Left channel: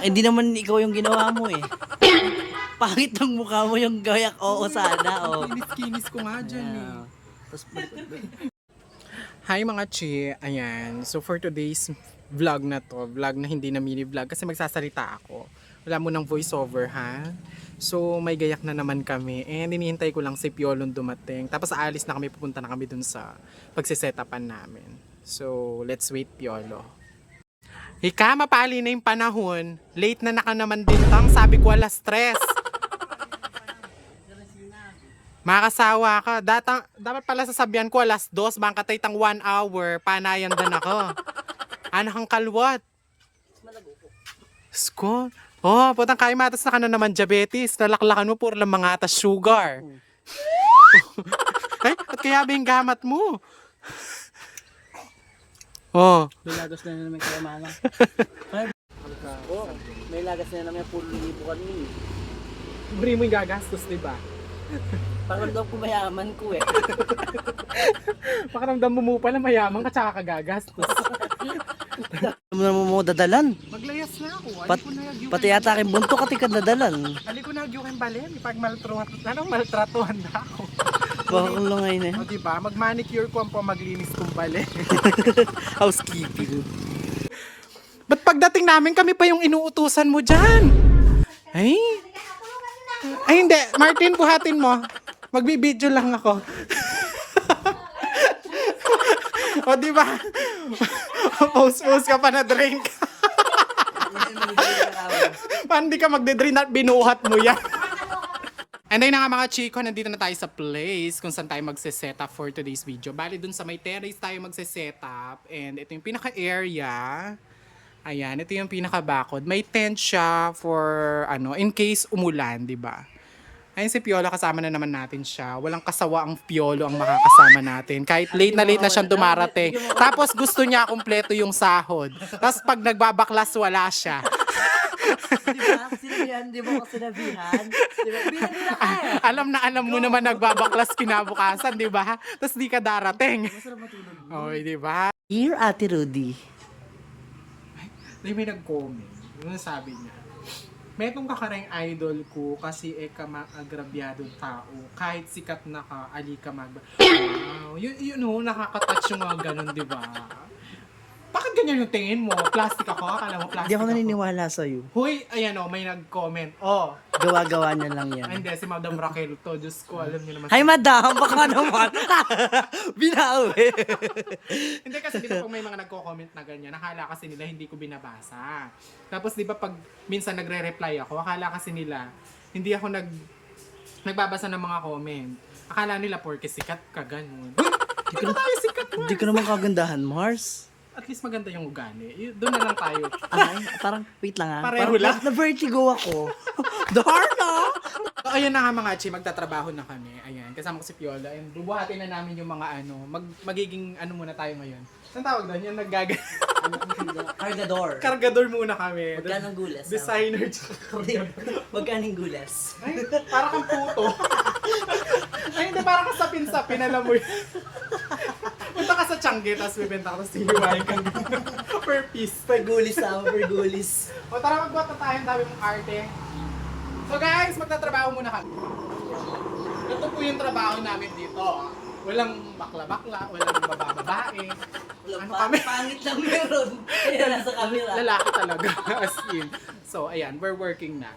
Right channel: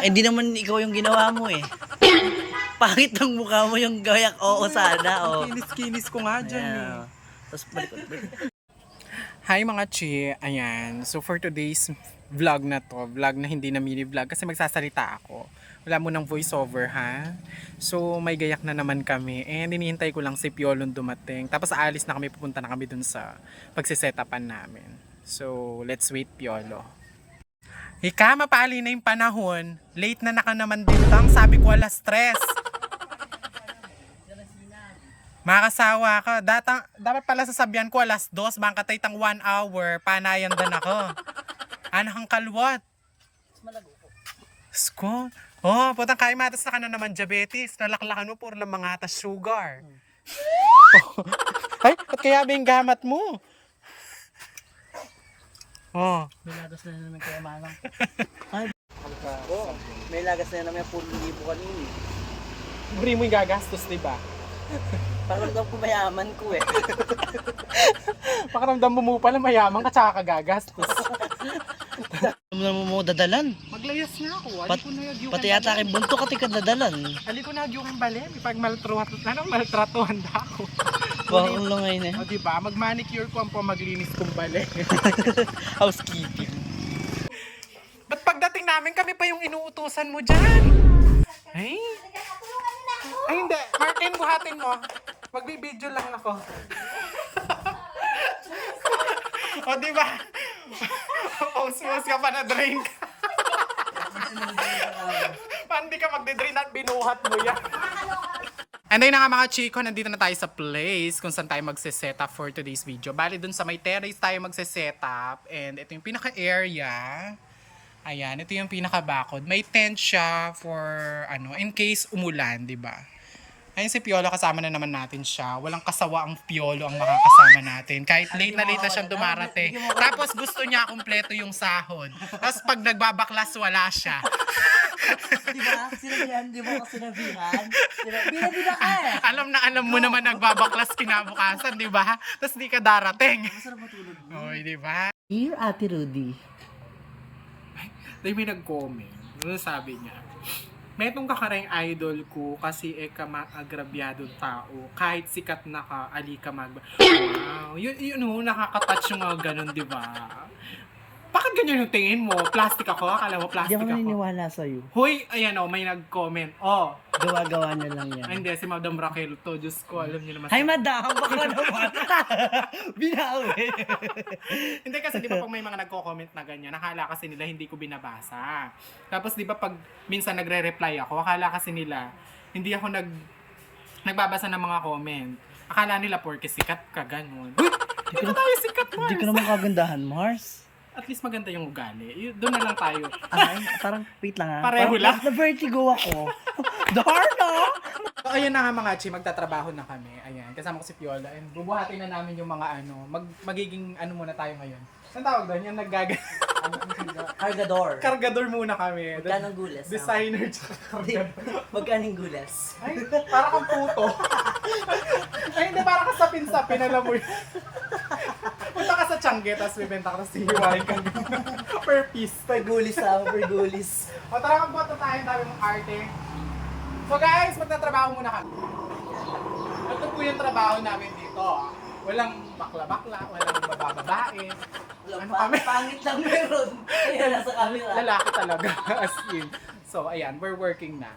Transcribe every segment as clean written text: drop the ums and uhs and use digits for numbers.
Eh, di naman ikaw yung ginawa mo eh. Pangit ng mukha mo yung gayak. Oo, sana. Oh. Kinis-kinis ko nga dyan eh. Ayan. Tapos balik. Hi mga chi, ayan. So for today's vlog na to, vlog na hindi na mini vlog kasi magsasalita ako. Wala mo ng voiceover ha. So may gayak na naman kami and hinihintay ko lang si Piolong dumating. Tapos aalis na kami, pupunta na kami dun sa pagsisetapan namin. So let's wait Piolo. Ika, mapali na yung panahon. Late na naka naman dito. Ang sabi ko alas 3. Makasawa ka. Dapat pala sasabihan ko alas 2. Bangkatay tang 1 hour. Panayan din ako. Anak ang kalwat. Sko. Oh, putang kain matas na ka na naman diabetes. Nalaklakan mo puro lang mga atas sugar. Ay, at kaya ba yung gamat mo? Oh. May lagas na naman kayo, mama. Oh, may lagas na naman yung pulo libo kanina. Libre mo yung gagastos, diba? Pakiramdam ko mayaman ko eh. Pakiramdam mo pala mayaman ka tsaka kagagastos. Ano naman mo dadalan? Maglayas na ako. Pati yata aking bunto ka tika dadalan. Ali ko na yung balin. Pag maltratuhan na ako. Baka ko lang ngayon eh. O diba, mag-manicure ko ang pamaglinis kong balin. Housekeeping. Ba't pagdating namin kami pa yung inuutusan mo dyan? Ay? Ay hindi, Martin, buhatin mo. Magbibideo lang ako. O diba? Post-post ka pa na drink. Paano di ka magde-drink at binuhat mo yan? And then nga mga chiko, nandito na tayo sa place kung saan tayo magse-set up for today's video. Bali dun sa may terrace tayo magse-set up. And ito yung pinaka-area. Ayan, ito yung pinaka-bakod. May tent siya for, in case umulan, di ba? Ayun si Piolo, kasama na naman natin siya. Walang kasawa ang Piolo ang makakasama natin. Kahit late na siyang dumarating. Tapos gusto niya kumpleto yung sahod. Tapos pag nagbabaklas, wala siya. Diba? Sinabihan, di mo ko sinabihan? Diba? Binabila ka eh. Alam mo naman nagbabaklas kinabukasan, di ba? Tapos di ka darating. Masarap matulog mo. Oy, di ba? Dear Ate Rudy. Ay, may nag-comment. Ano sabi niya? May itong kakarang idol ko kasi agrabyadong tao. Kahit sikat na ka, ali ka Wow, nakaka-touch yung mga ganun, di ba? Bakit ganyan yung tingin mo? Plastic ako? Akala mo plastic Hindi ako ako? naniniwala sa'yo. Huy, ayan may nag-comment. Oh, Gawa-gawa na lang yan. ay, hindi, si Madam Raquel to. Diyos ko, alam niyo naman. Hi madam, baka naman. Binawi. Hindi kasi di ba pag may mga nagko-comment na ganyan, akala kasi nila hindi ko binabasa. Tapos di ba pag minsan nagre-reply ako, akala kasi nila hindi ako nagbabasa ng mga comment. Akala nila porke sikat ka ganun. Hindi ko tayo sikat, Mars. Hindi ko naman kagandahan, Mars. At least maganda yung ugali. Doon na lang tayo. Ay, parang wait lang ha. Pareho lang. Na-vertigo ako. Darna! So, ayun na nga mga chi, magtatrabaho na kami. Ayan, kasama ko si Piola. And bubuhatin na namin yung mga magiging muna tayo ngayon. Saan tawag doon? Yung Cargador. Kargador muna kami. Magkanong gules? Designer tsaka kargador. Magkanong gules? Ay, para kang puto. Ay, hindi, para kang sapin-sapin, alam mo yun. Punta ka sa Tiangge, tapos bibenta ka, tapos hihiwain kang per piece. Per gulis ha, per gulis. O tara, magbota tayo, dami mong arte. So guys, magtatrabaho muna kami. Ito po yung trabaho namin dito. Walang bakla-bakla, walang bababae. Ano kami? Pangit lang meron. Ayan, nasa camera. Lalaki talaga, as in. So, ayan, we're working na.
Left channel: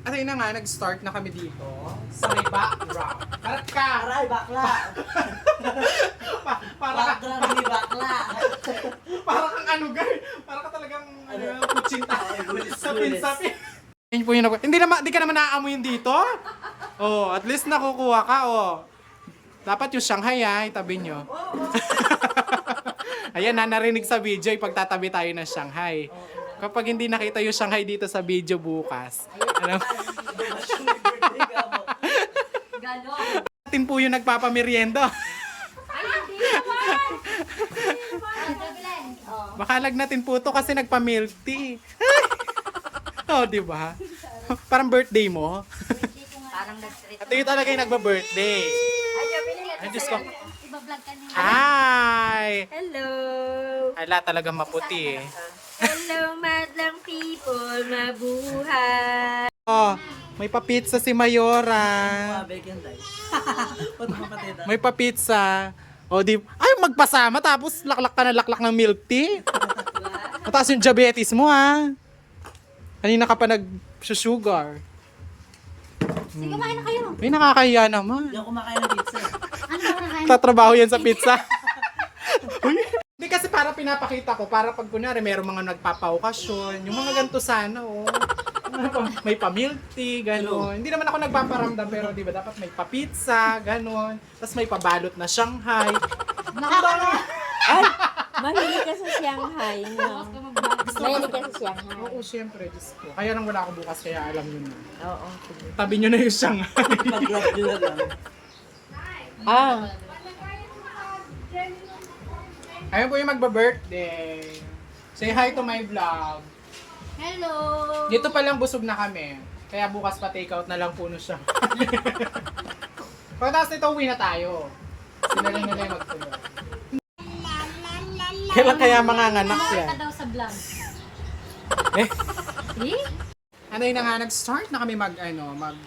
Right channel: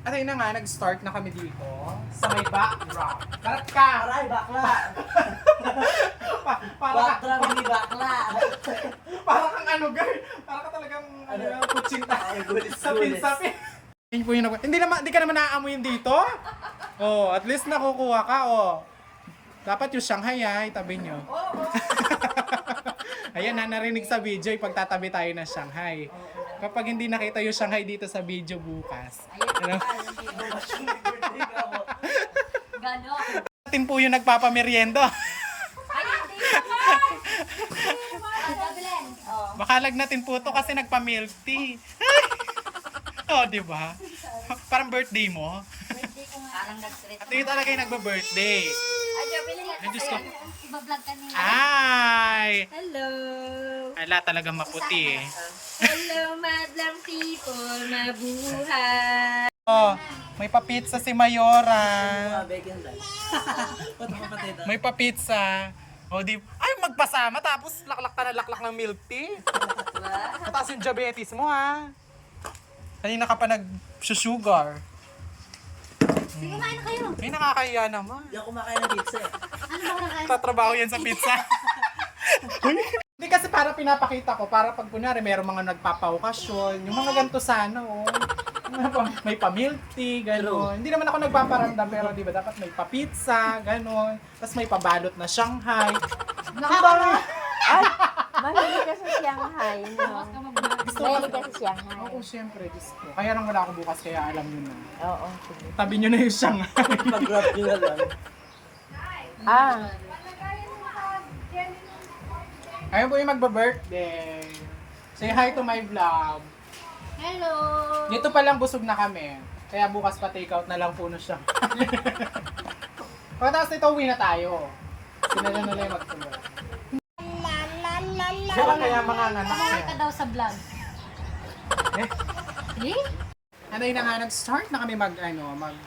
At ayun na nga, nag-start na kami dito sa may background. Karat ka! Aray, bakla. Para Background ni bakla. para kang girl. Para ka talagang kutsinta. Ay, gulis. Sapin-sapin. Yun po yung hindi ka naman naaamoy yun dito? Oh, at least nakukuha ka, oh. Dapat yung Shanghai, itabi nyo. Ayan, narinig sa video, ipagtatabi tayo ng Shanghai. Kapag hindi nakita yung Shanghai dito sa video bukas. Ganon. Atin po yung nagpapamerienda. Ay, hindi naman! Gablen. Baka lagnatin po to kasi nagpa-milk tea. Oh, di ba? Parang birthday mo. Parang nag-treat. Ito yung talaga yung nagba-birthday. Ay, Gablen, Ay, Diyos ko. iba-vlog ka nila. Ay! Hello! Ala talagang maputi eh. Hello, madlang people! Mabuhay! Oh, may pa-pizza si Mayora. May pa-pizza. O di, ay magpasama tapos laklak ka na laklak ng milk tea. Mataas yung diabetes mo ha. Kanina ka pa nag-sugar. Sige, kumain na kayo. Ay, nakakahiya naman. Hindi ako kumakain ng pizza. Ano ba nakain? Tatrabaho yan sa pizza. Uy, hindi kasi para pinapakita ko, para pag kunwari meron mga nagpapaokasyon, yung mga ganito sana, oh. May pa-milk tea, gano'n. Hindi naman ako nagpaparamdam, pero di ba dapat may pa-pizza, gano'n. Tapos may pabalot na Shanghai. Ay, mahilig ka sa Shanghai. No? Mahilig ka sa Shanghai. Oo, syempre, Diyos ko. Kaya lang wala ako bukas, kaya alam nyo na. Oo, sige. Tabi nyo na yung Shanghai. Mag-grab nyo na lang. Ah, Ayun po yung magba-birthday. Say hi to my vlog. Hello! Dito pa lang busog na kami. Kaya bukas pa take out na lang po na siya. Pagkatapos nito, uwi na tayo. Sinala na lang magtuloy. Kailan kaya mga nganak Kumain yan? ka daw sa vlog. Eh, Eh? ano yun na nga, nag-start na kami mag-pump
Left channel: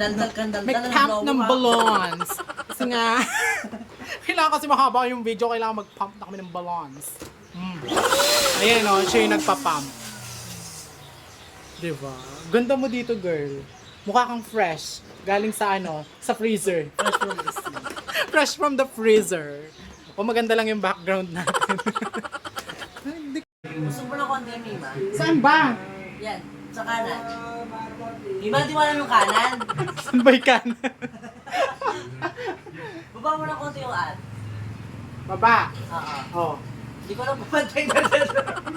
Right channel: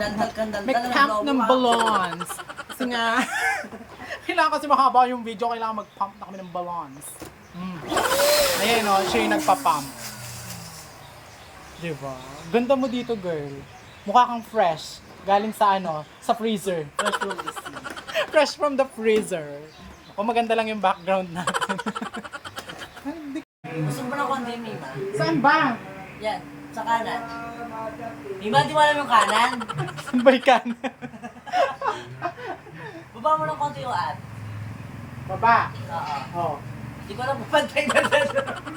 Daldal mag-pump ng balloons. Kasi nga, kailangan kasi mahaba yung video, kailangan mag-pump na kami ng balloons. Ayan o, siya yung nagpa-pump. Diba? Ganda mo dito, girl. Mukha kang fresh. Galing sa sa freezer. Fresh from the freezer. O maganda lang yung background natin. Gusto mo na konti, Mima? Saan ba? Yan, sa kanan. Mima, di mo alam yung kanan. Saan ba yung kanan? Baba mo na konti yung ad. Baba. Oo. Oh. Hindi ko lang pupantay na dyan.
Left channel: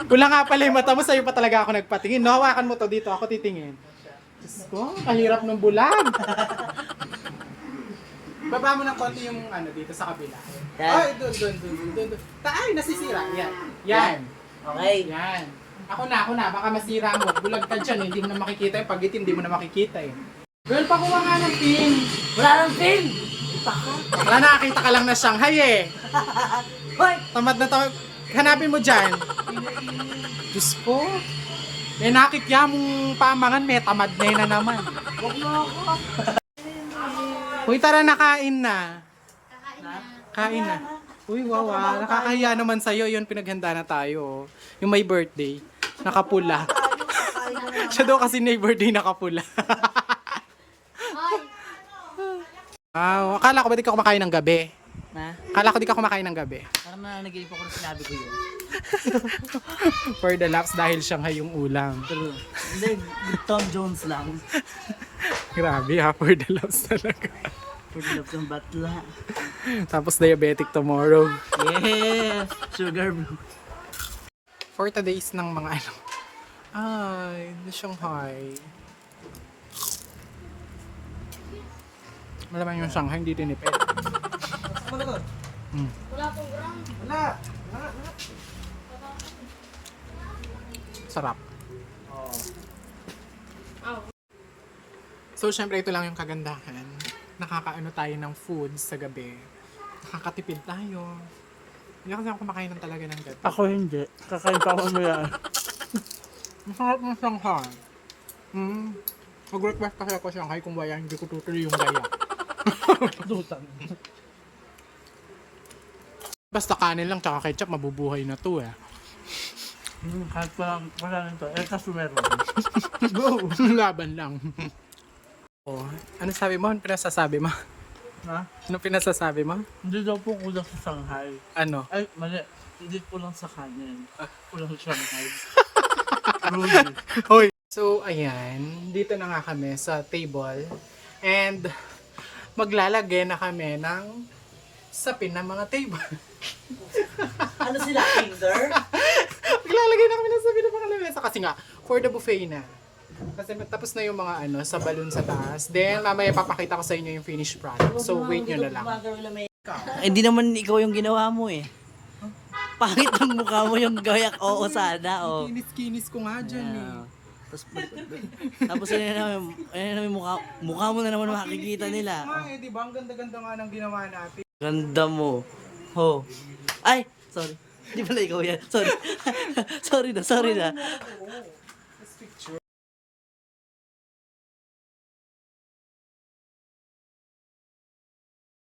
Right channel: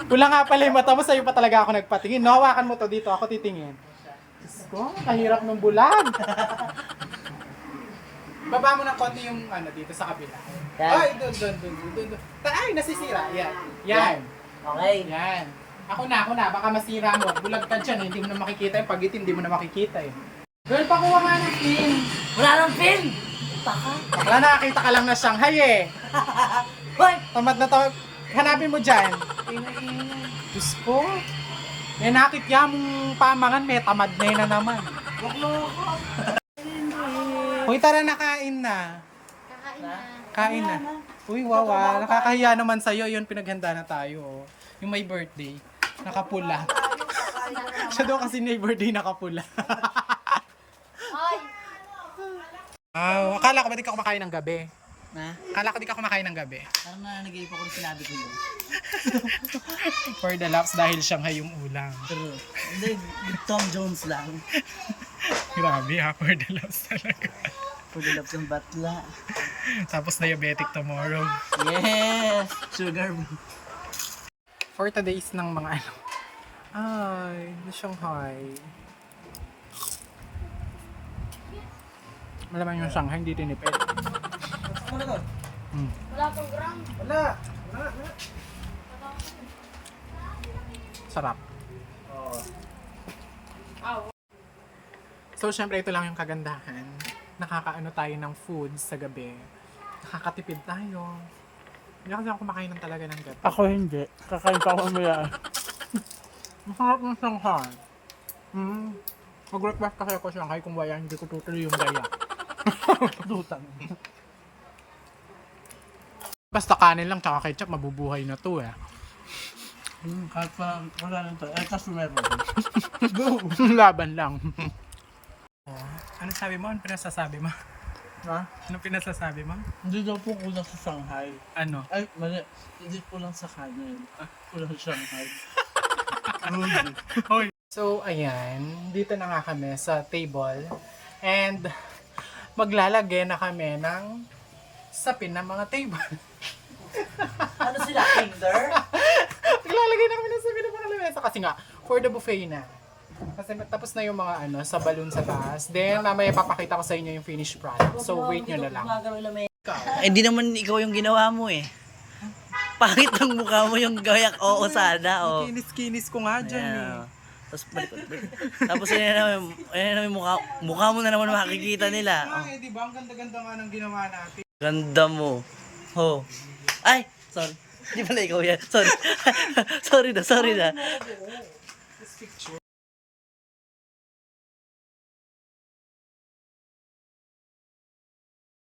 Kulang nga pala yung mata mo, sa'yo pa talaga ako nagpatingin. No, hawakan mo to dito, ako titingin. Diyos ko, kahirap ng bulag. Baba mo ng konti yung dito sa kabila. Yan. Ay, doon. Ay, nasisira. Yan. Okay. Yan. Ako na. Baka masira mo. Bulag ka dyan, hindi mo na makikita yung pag hindi mo na makikita eh. Girl, pakuha nga ng pin. Wala nang pin! Taka. Wala, nakakita ka lang na Shanghai eh. Hoy! Tamad na to. Hanapin mo dyan. Diyos ko. May nakikya mong pamangan, may tamad na yun na naman. Huwag mo ako. Uy, tara na, kain na. Kain na. Uy, wow, nakakahiya naman sa'yo. Yun, pinaghanda na tayo. Yung may birthday. Nakapula. Siya daw kasi may birthday nakapula. Wow, akala ko ba di ka kumakain ng gabi? Na? Akala ko di ka kumakain ng gabi. Parang nananagay pa ko nung sinabi ko yun. For the laps dahil Shanghai yung ulam. Pero, hindi, Tom Jones lang. Grabe ha, for the laps talaga. Pagilap ng batla. Tapos diabetic tomorrow. Yes! Sugar bro. For today's ng mga Ay, the Shanghai. Malaman yung Shanghai, hindi tinipid. Wala pong gram. Sarap. So, syempre, ito lang yung kagandahan. Nakakaano tayo ng food sa gabi. Nakakatipid tayo. Hindi kasi ako kumakain ng talaga ng gabi. Ako hindi. Kakain pa ako maya. Masarap ng Shanghai. Mag-request kasi ako Shanghai kung wala hindi ko tutuloy yung gaya. Dutang. Basta kanin lang tsaka ketchup, mabubuhay na to eh. Kahit pa wala nito. Eh, kaso meron. Go! Laban lang. Oh, ano sabi mo? Ano pinasasabi mo? Ha? Ano pinasasabi mo? Hindi daw po kulang sa Shanghai. Ano? Ay, mali. Hindi kulang sa kanin. Kulang sa Shanghai. Rudy. Hoy. So, ayan. Dito na nga kami sa table. And, maglalagay na kami ng sapin ng mga table. Ano sila? Kinder? Maglalagay na kami ng sapin ng mga lamesa. Kasi nga, for the buffet na. Kasi tapos na yung mga sa balloon sa taas. Then, mamaya papakita ko sa inyo yung finished product. So, wait nyo na lang. Eh, di naman ikaw yung ginawa mo eh. Pangit ang mukha mo yung gayak. Oo, sana. Oh. Kinis-kinis ko nga dyan eh. Ayan. Tapos balik. Tapos ayan naman mukha mo na naman makikita nila. Oh. Ay, di ba? Ang ganda-ganda nga ng ginawa natin. Ganda mo. Ho. Ay, sorry. Di pala ikaw yan. Sorry. sorry na. picture.